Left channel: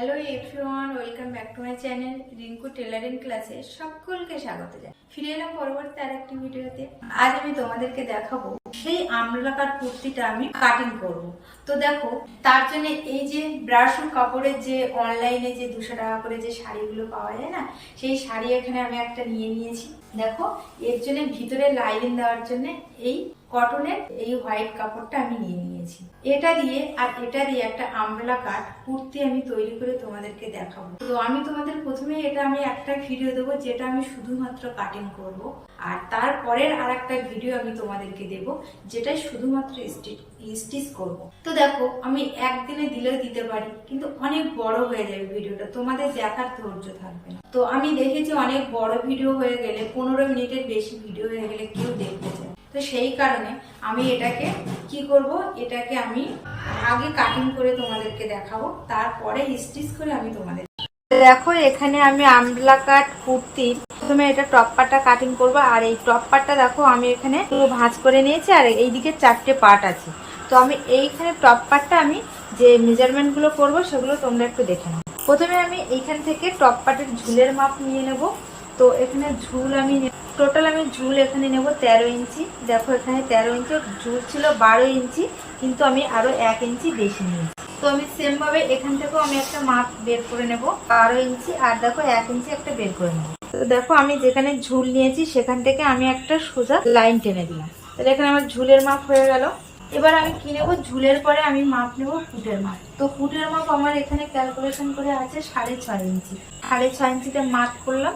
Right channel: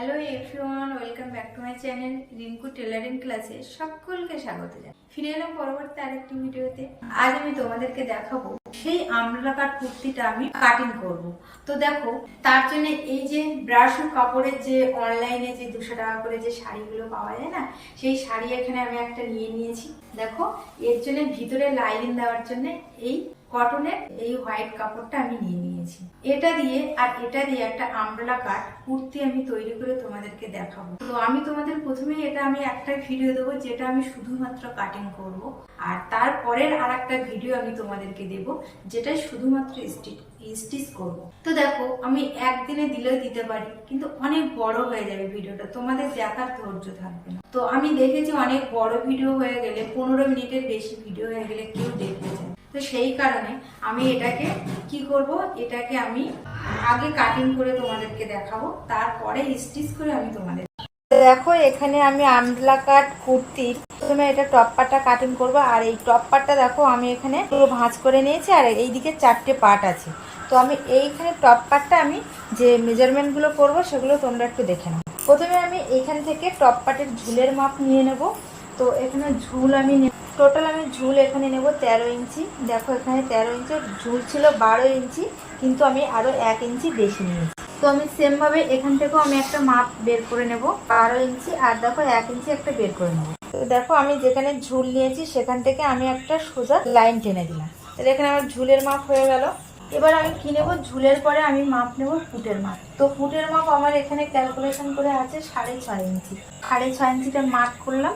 Hello everyone welcome back to my channel Rinku tailoring ক্লাসে সকলকে স্বাগত জানাই। ফিরে এলাম পরবর্তী আরেকটি ভিডিওতে। আজ আমি তোমাদেরকে দেখাবো সেই আমলাকার কুর্তিটা আমি কাটিং করব। তো দেখো, তার জন্য এই যে ব্রাশু কাপড়ের যে অনলাইনে যে দুশো টাকা করে যে শাড়িগুলো পাওয়া যায় না, সেই শাড়ি এখানে আমি একটা নিয়ে নিয়েছি। দেখো, এর জন্য ভিতরে লাইনিং দেওয়ার জন্য এই কটনের এই হোয়াইট কাপড়টা আমি নিয়ে নিয়েছি। এটা দিয়ে আর এটা দিয়ে একটা আমব্রেলা কাট কুর্তি আমি তৈরি করে তোমাদেরকে দেখাবো। তো আমি তোমাদের প্রথমে এটা আমি একটা ভিডিও দেবো, যেটা আমি শুধুমাত্র কাটিং করব। আর তারপরের আর একটা ভিডিও আমি তোমাদেরকে দেব। যেটা শুধুমাত্র স্টিচ করব তো দেখো, আমি একদিনে দিলেও দিতে পারি, কিন্তু অনেক বড় হয়ে যাবে ভিডিওটা। তোমাদের দেখার ধৈর্য থাকবে না। তো আমি দেখেছি অনেক বড় ভিডিও হয়ে গেলে, পনেরো মিনিটের বেশি ভিডিও হয়ে গেলে কেউ দেখতে চায় তো সেই কারণে আমি এটাকে কি করব? এটাকে আমি আগে কাটিং করে তোমাদেরকে দেখাবো, তারপরে স্টিচ করে আমি তোমাদের দেখো, এখানে আমি আমলা কাট কুর্তির প্রথমে এটা টপ পাটটা কাটিং করব, আর এই টপ পাটটা দেখো আমি এখানে পুরো ভাঁজ করে নিয়েছি, আর এইদিকে চারটে পার্ট আছে। তো আমি এইখানে টপ পাটটা আমি যে মেজারমেন্টগুলো করব, সেগুলো তোমরা একটু দেখে নাও। প্রথমে আমি এইখান থেকে টপ পাটের ঝুলের মাপ নিয়ে নেব। তো এখানে ঝুল আমি টোটাল আমি ঝুল এখানে নেব তেরো ইঞ্চি। দেখো এখানে তেরো ইঞ্চি ঝুল ছিল বারো ইঞ্চি, কিন্তু আমি আরও এক ইঞ্চি বেশি নিয়েছি। তো আমি সেম ভাবে এখান থেকেও আমি একটা মাপ বের করে নেব, বারো ইঞ্চি, আর দেখো এক ইঞ্চি একটা বের করে নেব। তো দেখো, আমি যেখানে ঝুল নিয়েছি, সেখান থেকে আমি একটা সোজা লাইন টেনে দিলাম। তাহলে এখানে আমার ঝুলের মাপ হয়ে গেল। এবার আমি কি নেব? ঝুলের পরে আমি মাপ নেব ফুটের মাপ। তো ফুটের মাপ আমার এখানে ক্যালকুলেশন করে আছে সাড়ে ছয় ইঞ্চি। সাড়ে ছয় ইঞ্চিটা মার্ক করলাম,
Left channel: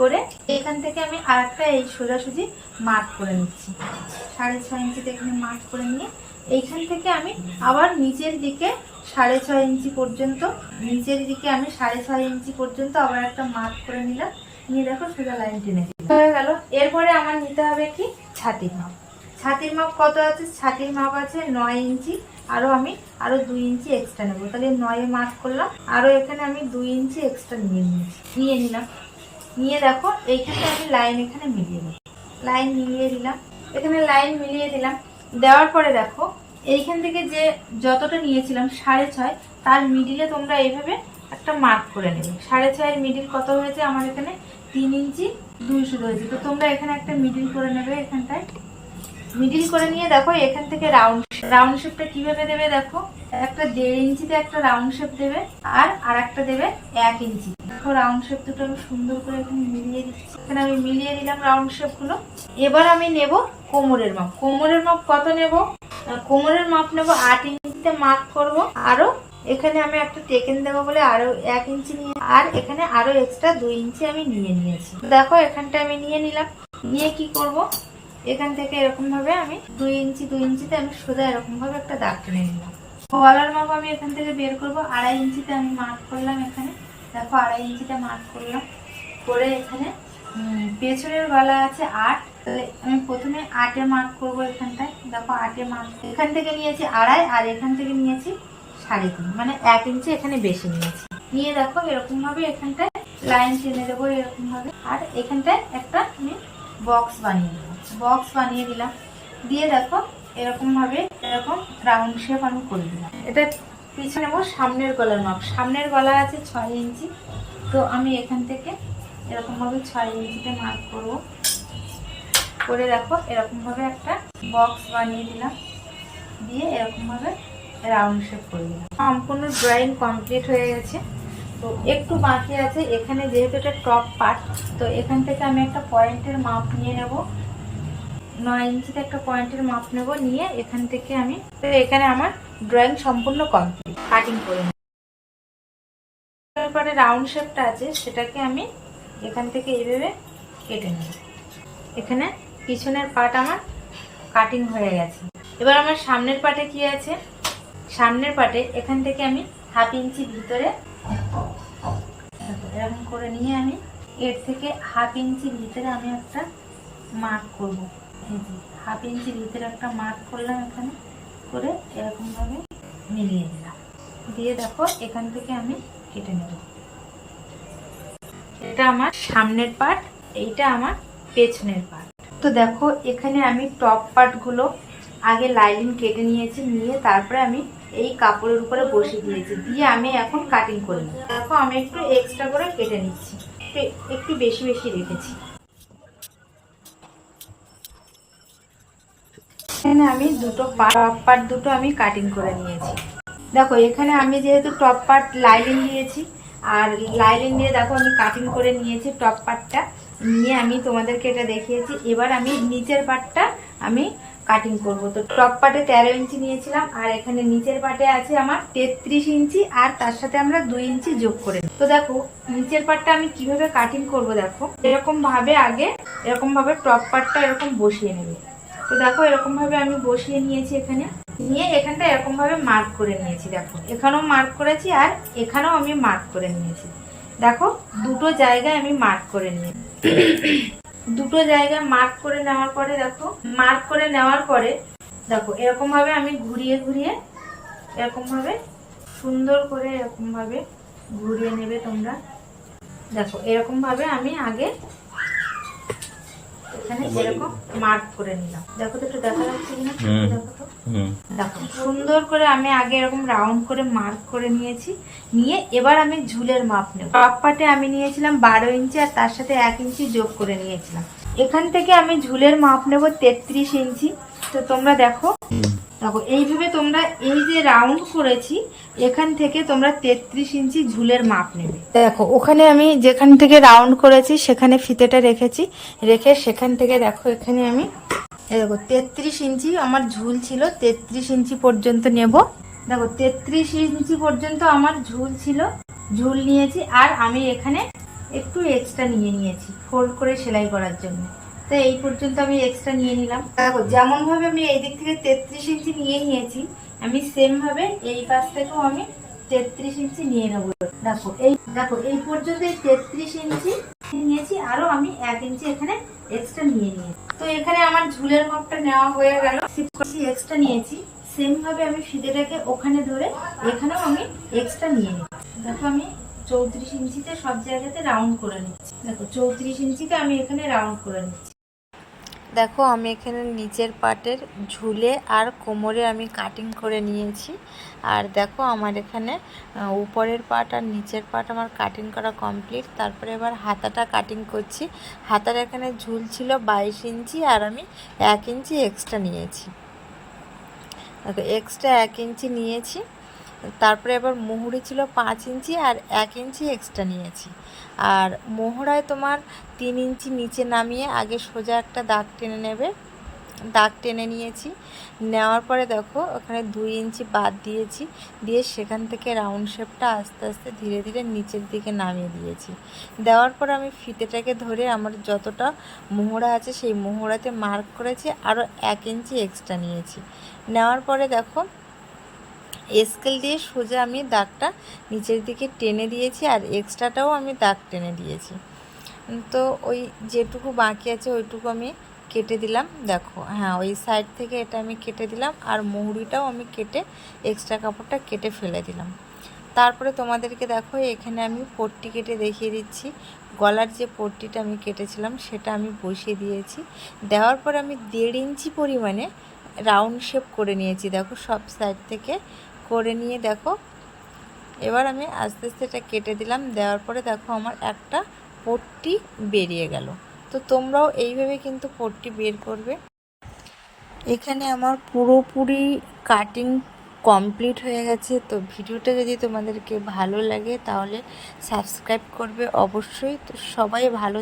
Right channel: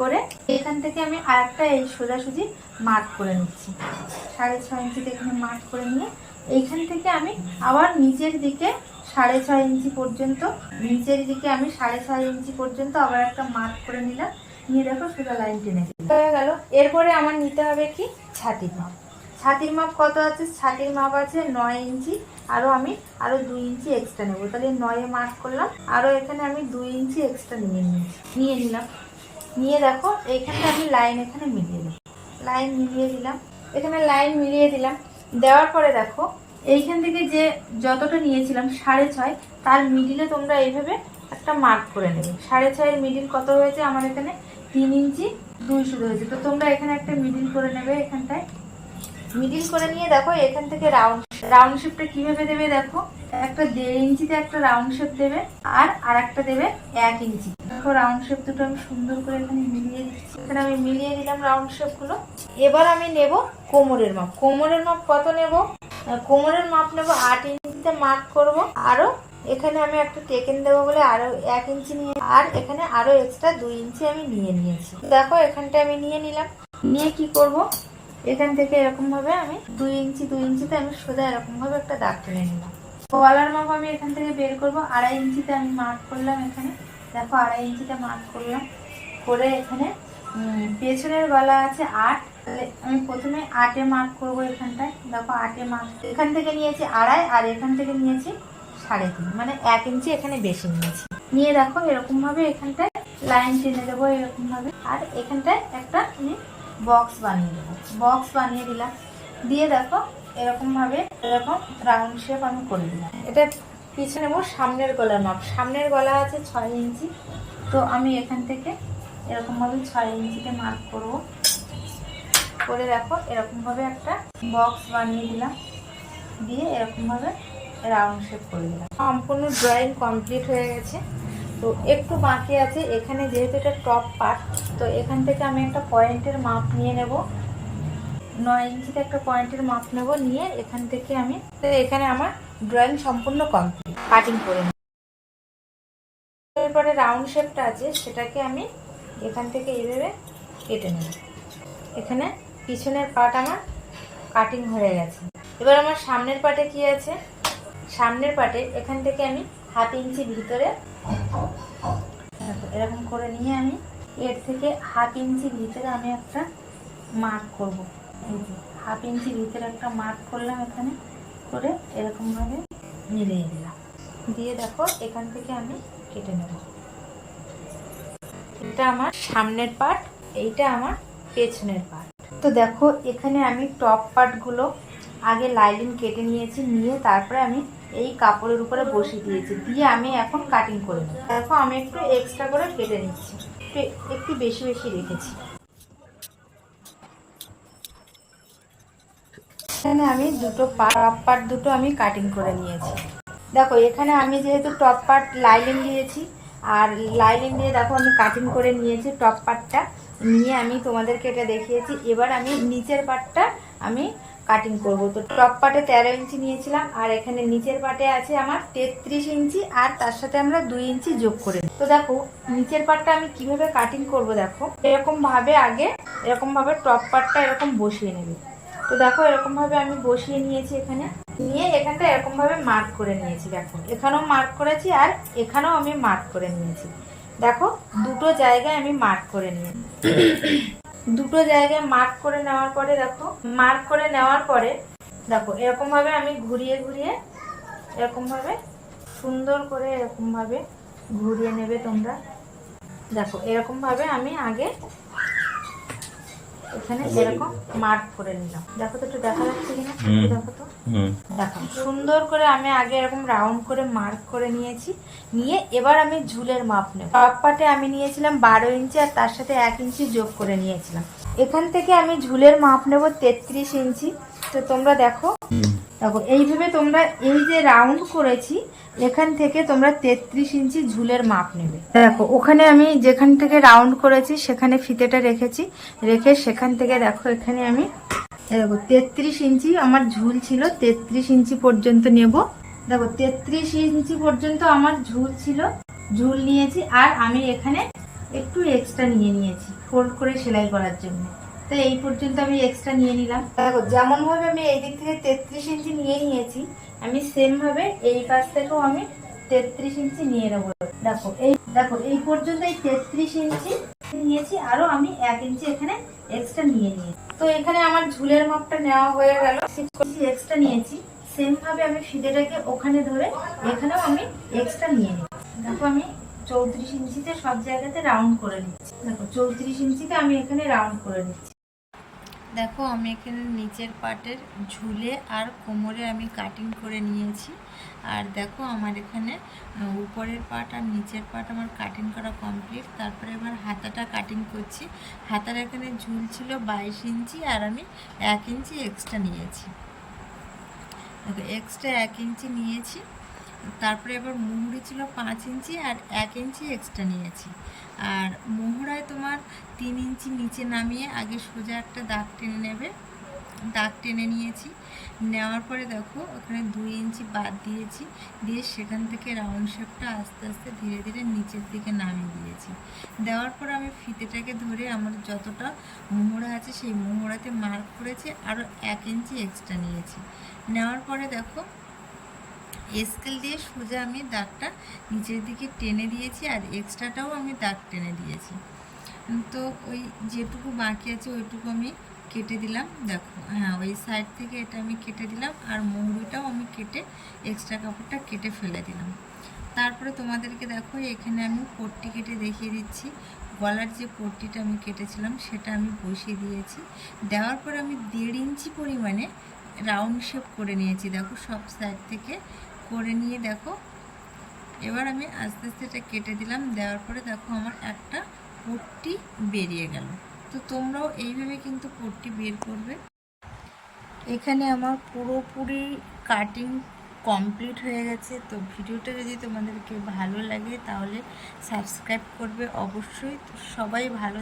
করে এখান থেকে আমি আর একটা এই সোজাসুজি মার্ক করে নিচ্ছি। সাড়ে ছয় ইঞ্চিতে এখানে মার্ক করে নিয়ে এইখান থেকে আমি আবার নিচের দিকে সাড়ে ছয় ইঞ্চি পর্যন্ত, নিচের দিকে আমি সাড়ে ছয় ইঞ্চি পর্যন্ত আবার একটা মার্ক করে নিলাম। নিয়ে দেখো সোজা লাইন টেনে হয়ে গেল। এরপরে আমার নিতে হবে কি? ছাতির মাপ। ছাতির মাপ কত আছে? ছাতির মাপ আছে নয় ইঞ্চি। আরও আমি আরও দুই ইঞ্চি এক্সট্রা নেব। তাহলে নয়ে মার্ক করলাম। আরও এখানে আমি দুই ইঞ্চি এক্সট্রা নিয়ে নিয়েছি। নিয়ে নিলাম। নিয়ে দেখো এইখানটা আমি লাইন এখানে মিলিয়ে দিই লাইন মিলিয়ে দিলাম। এখানে লাইন মিলিয়ে দিলাম। দেওয়ার পরে দেখো, এইখান থেকে যে যতটা নিয়েছিলাম সাড়ে ছয়, তার মিডিলে তোমরা এইভাবে একটা মার্ক করে নেবে। সাড়ে ছয়ের মিডিল কত হয়েছে? আমার এখানে তিন ইঞ্চি দুই শুরু হয়েছে। তো তোমরা এখানে একটা মিডিল করে নেবে এখানটায়। মিডিল করে নিয়ে দেখো, এখান থেকে রাউন্ড রাউন্ড শেপটা কীভাবে দেবে দেখো? একটা দেড় ইঞ্চিতে একটা রাউন্ড শেপ দেবে আর আর একটা দেবে এক ইঞ্চি। দেখো রাউন্ড শেপ দুটো আমি সুন্দর করে এখানে মিলিয়ে দিচ্ছি। এখানে আমি মিলিয়ে দিলাম রাউন্ড শেপগুলো। এবার আমি নেব কোমরের মাপ। কোমরের মাপ কত নেব? কোমরের মাপ নেব আট ইঞ্চিতে মার্ক করব। আরও এখানে আমি একটা টেকেন দেবো বলে আরও এক ইঞ্চি নিয়ে আর এখানে আরও এক্সট্রা দুই ইঞ্চি আমি নিয়ে নিয়েছি। দেখো, এখানটা আমি নিয়ে নিলাম। নিয়ে কি করব? এখান থেকে এরকম ভাবে আমি দুই ইঞ্চি, দুই ইঞ্চিতে আমি সোজা এরকম ভাবে একটা দাগ টেনে নিলাম গলার মাপ আমি এখান থেকে বের করব। আড়াই ইঞ্চিতে আমি মার্ক করলাম এখানে। দেখো, আড়াই ইঞ্চিতে মার্ক করলাম। করে এখানে পেছনের গলা আছে আট। তাহলে আমি প্রথমে আটে মার্ক করব এখানটায়। দেখো, আটে মার্ক এখান থেকে নিয়েছি আড়াই, আর এখান থেকে নিয়েছি সাড়ে তিন মানে এক ইঞ্চি এখানে বেশি নিয়েছি। নিয়ে দেখো এরকম ভাবে এখানটায় লাইন টেনে দেবো এরকম ভাবে। আর এখানটায় একটা আমি বক্স বানিয়ে দেবো। বক্স বানিয়ে দিলাম। দিয়ে দেখো এরকম ভাবে এরকম রাউন্ড শেপ আমি করে দিলাম। এটা পিছনে নেব সামনের গলার মাপ সামনের গলা আছে ছয় ইঞ্চি। তো আমি এখান থেকে এরকম ভাবে ছয় ইঞ্চিতে মার্ক করব। করে দেখো এরকম ভাবে একটা বক্স বানিয়ে দিলাম। দিয়ে এরকম ভাবে রাউন্ড শেপ করে সম্পূর্ণ ড্রয়িং কমপ্লিট হয়ে গেছে। তো একটু বাকি আছে, এখানে যেহেতু এটা টপ পার্ট তো এখান থেকে আমি একটা পয়েন্টের মাপ নিয়ে নেব। নয় ইঞ্চিতে একটা পয়েন্টের মাপ নেব নিয়ে এখান থেকে আমি এখানে আমার ড্রয়িং সম্পূর্ণ কমপ্লিট কাটিং করে। এরপরে রাউন্ড শেপটা আছে, সেটাকে আমি এখান থেকে এইভাবে কেটে নেব। এখানে পিছনের পাট আমার কাটিং হয়ে গেছে। এবার আমার সামনের পাটে কি আছে? সামনের পাটে এখান থেকে আমি হাফ ইঞ্চি ভিতরে এরকম করে নিয়ে আমি এর থেকে হাফ ইঞ্চি ভিতরে আমি একটা মার্ক করব। হাফ ইঞ্চি ভিতরে একটা মার্ক করলাম এখানে করে এরকম ভাবে মিলিয়ে দিলাম। দিয়ে দেখো এখান থেকে আমি কেটে নেব। এটা আমার সামনের পার্ট এইটা আমার পেছনের পার্ট তো দেখো এখানে আমি টপ পার্টগুলো আগে লাইলিন কেটে নিয়েছি, নিয়ে তারপরে আমি এই কাপড়ের উপরে বসিয়ে দিয়েছি। দিয়ে আমি এখন কাটিং করে নিই দেখো, আমি একটু এক্সট্রা করে কেটে নিচ্ছি। একটু বেশি বেশি রেখেছি। এখানে আমি দুটো টপ পার্ট দুটো আমি কাটিং করে নিয়েছি। দেখো, এখানে আমি যেহেতু টপ পার্ট লাইলিং দিয়েছি, আর লাইলিং দিয়ে দেখো, আমি কাটিং করে নিয়েছি টপ পার্টটা নিয়ে আমি তোমাদেরকে এটা দেখিয়েছি। এবার আমি নিচের পার্টটা আমি কাটিং করব। তো টপ পার্টে তেরো ইঞ্চি নিয়েছিলাম, আর এখানে নিচের পার্টে আছে আমার তেত্রিশ ইঞ্চি, আর তার সাথে আমরা দুই ইঞ্চি যোগ করে। তো দেখো, নিচের পার্টটা আমি কীভাবে কাটিং করব দেখো। এরকম ভাবে আগে, এরকম ভাবে টপ পার্টটা এরকম বসিয়ে নেবে। তো দেখো, এরকম ভাবে আমি বসিয়ে নিয়েছি এখানে। নিয়ে এখানটা এরকম ভাবে মার্ক করে নিয়েছি, দেখো। এখানেও মার্ক করেছি, আর এখানেও আমি মার্ক করে নিয়েছি। দেখো, দুটো জায়গায় আমি মার্ক করে নিয়েছি। দুটো জায়গায় মার্ক করে নেওয়ার পরে দেখো মার্ক করে নেওয়ার পরে দেখো এরকম ভাবে আমি ঘুরিয়ে ঘুরিয়ে এরকম ভাবে সুন্দর করে এরকম ভাবে ঘুরিয়ে নেবে তোমরা। দেখো এরকম ভাবে আমি আগে এখানে এরকম মার্ক করে নিলাম। দেখো তো একটু দেখা যাচ্ছে কিনা? দেখো তো। দেখো সুন্দর করে আমি আগে এরকম রাউন্ড করে মার্ক করে নিয়েছি। নিয়ে এবার আমি ঝুলের মাপ নেব। পাটে আমি নিয়েছিলাম বারো ইঞ্চি আর তার সাথে এক ইঞ্চি যোগ করে নিয়েছিলাম। এখান থেকে আমি ঝুলের মাপ নেব তেত্রিশ ইঞ্চি। তো তোমরা দেখো। দেখো, এইভাবে তোমরা এই যে রাউন্ড করেছি, এখান থেকে তোমরা তেত্রিশ ইঞ্চি ঝুলের মাপ নেবে। দেখো, ওখানে আমি যেখান থেকে রাউন্ড করেছি, সেখানে ফিতেটা রেখেছি। রেখে সেখান থেকে দেখো, এখানে আমি দেখো, তেত্রিশ ইঞ্চি আমার ঝুল ছিল, তেত্রিশ ইঞ্চি পর্যন্ত নেব। দেখো, তেত্রিশ ইঞ্চি পর্যন্ত আমার ঝুল ছিল, ঝুল নিয়েছি, আর আমি এখানে একটু এক্সট্রা নিয়ে নিয়েছি ফোল্ড করে সেলাই করার জন্য। তো এই পর্যন্ত আমি এক্সট্রা নিয়ে নিলাম। দেখো যেমন ভাবে আমি এই দিক থেকে তেত্রিশ ইঞ্চি নিয়ে নিয়েছি, আমি সেম ভাবে এই পাশ থেকেও আমি তেত্রিশ ইঞ্চি নিয়ে নেব। দেখো, এই দেখো, এই পর্যন্ত এই তেত্রিশ ইঞ্চি নিয়েছি, আরও আমি এক ইঞ্চি এখানে এক্সট্রা নিয়ে নিয়েছি। তো এখানে আমার ঝুলের মাপটা নেওয়া হয়ে গেল। এক্সট্রা নিয়েছি সেম ভাবে আমি ফিতেটাকে ওখানে ধরে এখানেও আমি এক্সট্রা নিয়ে নিই। দেখো, আমি চৌত্রিশ ইঞ্চিতে সব জায়গাতে রাউন্ড করে নিচ্ছি। দেখো, চৌত্রিশ ইঞ্চিতে আমি এখানে রাউন্ড করে নিচ্ছি। দেখো, আমি এখানে নিচের পাটের ঝুলে আর কোমরে আমি কাটিং করে নিয়েছি। আর দেখো, আমার এখানে উপরের পাট আর নিচের পাট আমার কাটিং করা কমপ্লিট তারপরে এবার হাতাটা কাটিং করছি। হাতার এখানে ঝুল ছিল বাইশ ইঞ্চি আর আমি এক ইঞ্চি এক্সট্রা নিয়েছি। দেখো এক্সট্রা এক ইঞ্চি নিয়েছি। তারপরে এবার মুহুরি ছিল পাঁচ ইঞ্চি আর এক ইঞ্চি এক্সট্রা নিয়েছি। আর মোহরায় তোমার তিন ইঞ্চি নিচে নামিয়ে আগে সোজা একটা দাগ টেনে নেবে। দাগ টেনে নিয়েছি। নেওয়ার পরে দেখো, ওখানে দুই ইঞ্চি বাদ দিয়েছি। দিয়ে সেখান থেকে রাউন্ড শেপটা আস্তে আস্তে ধীরে ধীরে নিচের দিকে নামিয়ে দিয়েছি। দেওয়ার পরে আমি ফিতেটাকে ধরে আমার যতটা মোহরা আছে সেই মোহরাতে মার্ক করেছি আরও এক ইঞ্চি এক্সট্রা নিয়েছি। নেওয়ার পরে দেখো স্কেল দিয়ে সোজা আমি দাগটা নিচের দিকে টেনে দিয়েছি আর এক্সট্রাটাও আমি দাগ টেনে দিয়েছি। তো ওই যেটুকু বাকি আছে ওইটুকু আমি কেটে দিলাম। দেখো হ্যাঁ ওই সাইড থেকে এটা আমি কেটে দিলাম আর মুহুরিটাও আমি কেটে এক্সট্রা কাপড়টা কেটে ফেলে দিলাম। তারপরে তোমাদেরকে দেখো, এখানে আমি পট্টি কেটে দেখিয়ে দিচ্ছি। গলার যে পট্টিটা আমি কেটেছিলাম সেটা আমি বসিয়ে দিয়েছি। দেওয়ার পর আমি দেড় ইঞ্চি পরিমাণে রাউন্ড শেপ করে নিয়েছি। দেখো, সব সাইড থেকে করে নিয়ে দেখো। এবার আমি আস্তে আস্তে এটা কেটে দিলাম, দেওয়ার পরে দেখো আমার একটা পট্টি বেরিয়ে গেল। তো তোমরাও এইভাবে কিন্তু পট্টি বের করবে। এখানে আমার পুরোপুরি কাটিং কমপ্লিট হয়ে গেছে। তো ভিডিওটা যদি তোমাদেরকে ভালো লাগে তাহলে সাবস্ক্রাইব করবে অবশ্যই। তো সবাই ভালো